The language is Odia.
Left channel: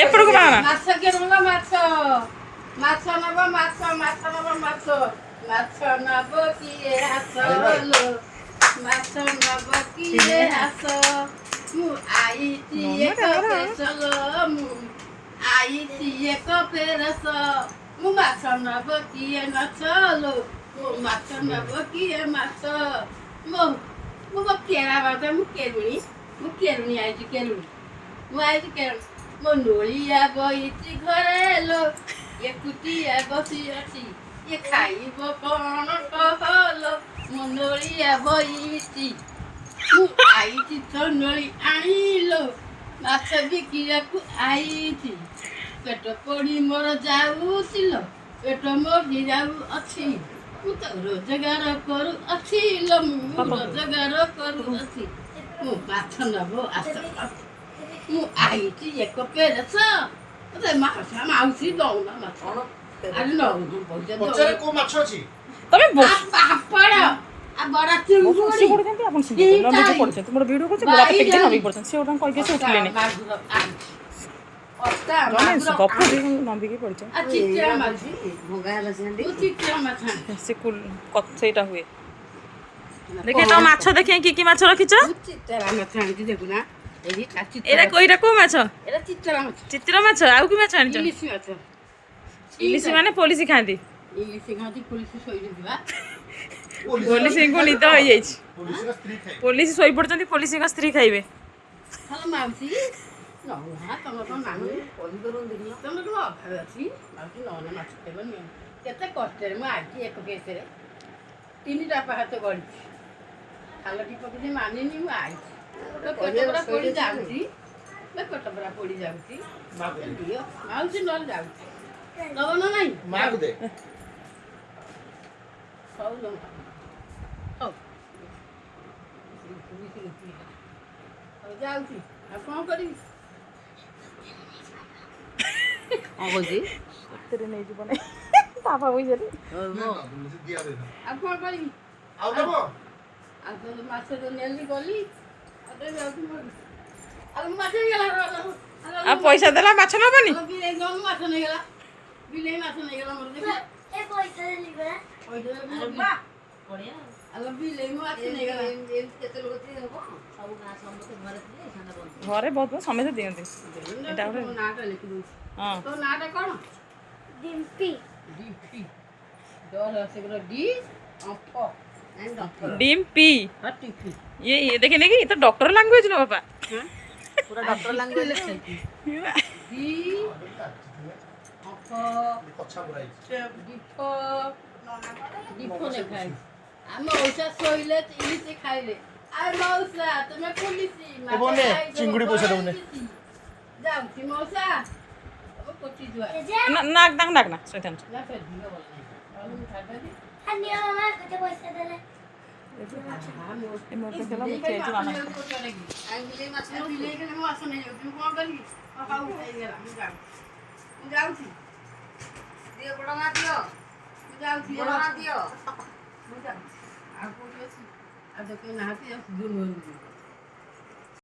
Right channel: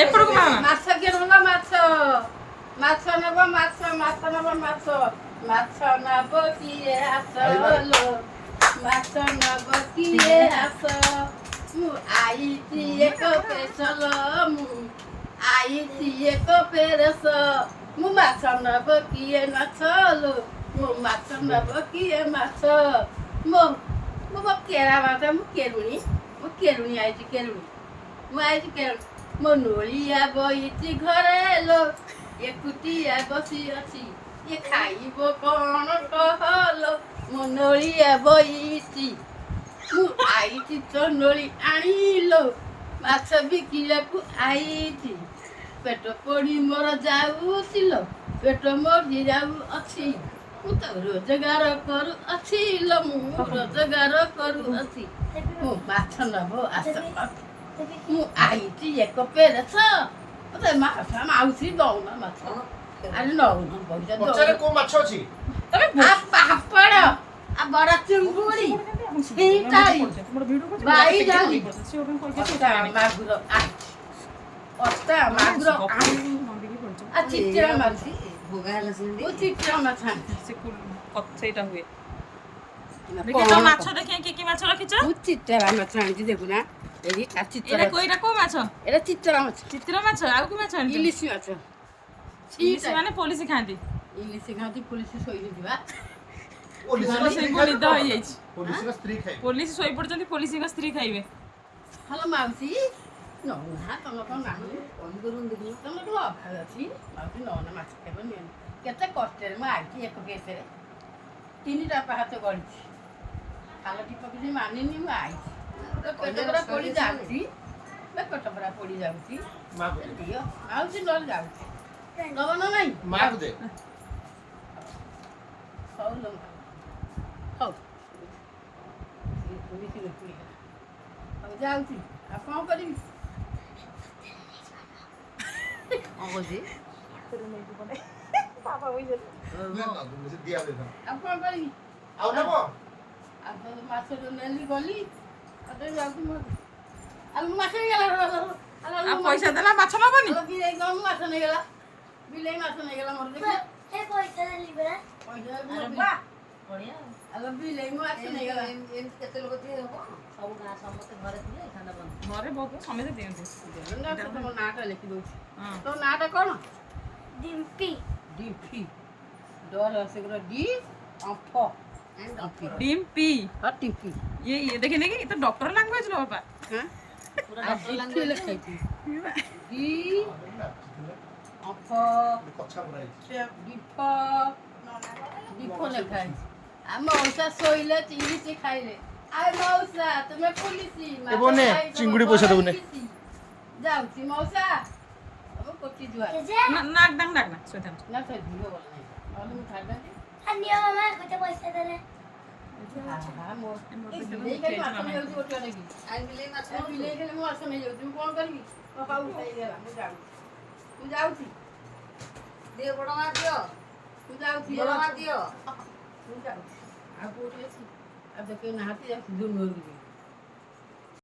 ଏପଟକୁ ବାହାନା ମାଛ କିଏ ନବ ମାଛ ମାଛ ନବ ମାଛ ମାଛ ନବ ମାଛ ମାଛ ନବ କିଏ ଆସ ଲୋ ମାଛ ନବ କିଏ ଆସ ମୁଁ ଆଇଛି ଏକ ପେସଲ ମୁଁ ଆଇଛି ଏକ ପେରସ ମୁଁ ମାଛ ନବ କିଏ ମାଛ ଲୋ ମୁଁ ମାଛ ନବ କିଏ ମାଛ ମୋ ମୋ କେରା ବାଟ ମୁଁ କେରୁଣି ଆଇଛି କେରୁଣି ମୁଁ ଆଇଛି କେରୁଣି ମୋ ନୋଳିଆ ବଇଛି ଘରେ ଲୋ ଏକୁଟିଆ ବସି ଅଛି ଇଏ ଖାଇବ କଣ କହଲୋ ମୋ ନୋଳିଆ ବଇଛି ମୁଁ ଆଇଛି ତ ନୋଳି ଆଣିଲୋ ମାଛ ବିକିବାକୁ ଆଇଛି ପେଟ ପୋଡ଼ି ମୋର ଯାଉଛି ଲୋ ପେଟ ମୋଡ଼ି ଯାଉଅଛି ମୁଁ ତ ରୋଜଗାର କରୁଅଛି ଲୋ ମୁଁ ରୋଜଗାର କରୁଅଛି ମୁଁ ମାଛ ନବ ଆସ ମୁଁ ଆଇଛି ଏକ ପେରସ ମତେ ମାଉସୀ ଦଉନ ମାଛ ଆଜି ନଉନ ପଇସା ପଚାରେ କୋଉ ମାଛ ଅଛି? ତମେ ପାପଡ଼ ଆଉ ବଡ ଚିଙ୍ଗୁଡ଼ି ଆପଣ ନମ୍ବିକି ପଡୁଛନ୍ତି ମୋର ଭିଡ଼ିଓ କରୁଛି ବଡ଼ କେତେ ନମ୍ବିକି ପଡୁଛନ୍ତି ସେ ଓଟାଙ୍କୁ କହିକି ସେ ଉଠିଲେନି ମାଗୁର ଅଟା ମାଗୁର ଗପୁରି ନମ୍ବିକି ପଡୁଛ ଆଉ ଚିଚିଡ଼ା ମାଛ ଭଙ୍ଗା ହେଲା ସେମିତି ଚିଚିଡ଼ା ମାଛ ସେ ସେଇଟା ହୁଏ ଦେଖେ ତମ ମାଛ ଦେଖେ କି ମାଛ ରଖିଛ ଚିଚିଡ଼ା ମାଛ ଆଣିଛି ଦେଖୁନା ଏଇଟା କୋଉ ମାଛ ଏଇଟା ଚିଚିଡ଼ା ମାଛ ଚିତ୍ର ମାଛ ଆଉ କି ମାଛ ଆଣିଛ ଇଲିଶି ମାଛ ଇଲିଶି ମାନେ ପୋଲିସ ଖାଆନ୍ତି ଇଲିଶି ଖାଆନ୍ତି ପୋଲିସ ଶୋଇଯିବା ପୋଲିସଙ୍କୁ ନିଦ ହେଇଯାଇଛି ପୋଲିସର ସ୍ତ୍ରୀ ଖାଇ ପୋଲିସ ଶୋଇପଡୁଛନ୍ତି ପୋଲିସଙ୍କ ସ୍ତ୍ରୀ ଖାଇବେ ହ୍ୟାଲୋ ମାଉସୀ ନଉନା ତମର କଣ ନାହିଁ ତମର କଣ ଅଭାବ ଅଛି ମାଉସୀ ନଉନା ମାଛ ଖାଇବ ନିଅନି କେତେ କଷ୍ଟରେ ମୁଁ ଆଜି ଏକ କେସରେ 3ଟା ପାହାଚ ଗଡ଼ିଛି ଖାଲଟି ପକେଇଛି ମାନିନି ମୁଁ ଆଇଛି ପୋଡ଼ି ଯାଉଛି ପେଟ ପୁରା ପୋଡ଼ି ଯାଉଛି ଦିଅ ମାଉସୀ ନହେଲେ ଯାଉଛି ନବ ନା ନାଇଁ ମାକୁ ଦେ ହଉ ଲୋ ହଉ ହଉ ଯାଉଛି ଆଉ କ'ଣ କରିବି କ'ଣ କହୁଛି ନେଇଯିବ ନାଇଁ ବାପା ପଇସାରେ ଦିଆ ଦେ ଆଉ କ'ଣ କରିବି ଆଉ ନବ ଆଉ ତ ମାଛ ନେଲି ଗଲି ଆଉ ତ ଯାଉଛି ଆଉ ମାଛ ନେଇଗଲା ଆଉ ପଇସା ଦେଲା ମାଛ ନବନି ବିଲେଇ ମାଛ ନେଇଗଲା ବିଲେଇ ମାଛ ନେଇଗଲା ମୋର ଦେଖେ ପଇସା ଆଉ ବିଲେଇ ମାଛ ନେଇଗଲା କେତେ ଲୋକ ଥିଲେ ହବ ସବୁ ଗାଁ ସମସ୍ତେ ଘରେ ଥିଲେ ସାଣ୍ଡା ବନ୍ଦ ଘରେ ବହୁତ ସମସ୍ତେ ଦିଅନ୍ତି ତୋ ନାଁଟା ଲେଖିଦେଉଛି ହଁ ତୋ ନାଁଟା କ'ଣ डिम्पी ଡିମ୍ପି ଡର ସେଗୁলো ଡି ଅମ୍ଫ डिम्पी ହଁ ଟିମ୍ପି ये देखे नहीं तो डॉक्टर लैंग्वेज लो बाबा ହଁ ପୁରା ଡକ୍ଟର ଲାଙ୍ଗୁଏଜ ଡି ଅମ୍ଫ କଛା ପୁରା ହେଇଛି ଡିଫ ଡିଫ ଲେଖା ହେଇଛି ଆମ ମଉସା ଶୋଇଲେ ଇଲିଶି ଖାଇଲେ ଆଉ ମଉସା ତମେ ପୁଲିସି ଏ ବୋନେ, ଚିଙ୍ଗୁଡ଼ି ପଇସା ଦଉନେ। ଯାଉଛି ମଉସା କୋଟି ଜୁଆ नाक नाक नाक ना सोइथान ନା ସେ ଝିଅ ବୋଲି ନହେଲେ ମୁଁ ଖାଇଦେବି अन्य मामा कते पैसा देले ए मोर पे चला बच्चे जो मामा ବିଲେଇ ମାଛ ମୁଁ ଆସ ନେଇଯାଉଛି ମୁଁ କ'ଣ କରିବି ବାପା ଉଠେଇଗଲା ମୁଁ ଯାଉଛି ଦିଅ ବଡ଼ ମା ଦିଅ ମୁଁ ଯାଉଛି ବଡ଼ ମା ଦିଅ ମୁଁ ଯାଉଛି ଆଉ କୋଉଠି ଅଛି ଆଉ ଦେଖେ ନାହାନ୍ତି ଯାଉଛି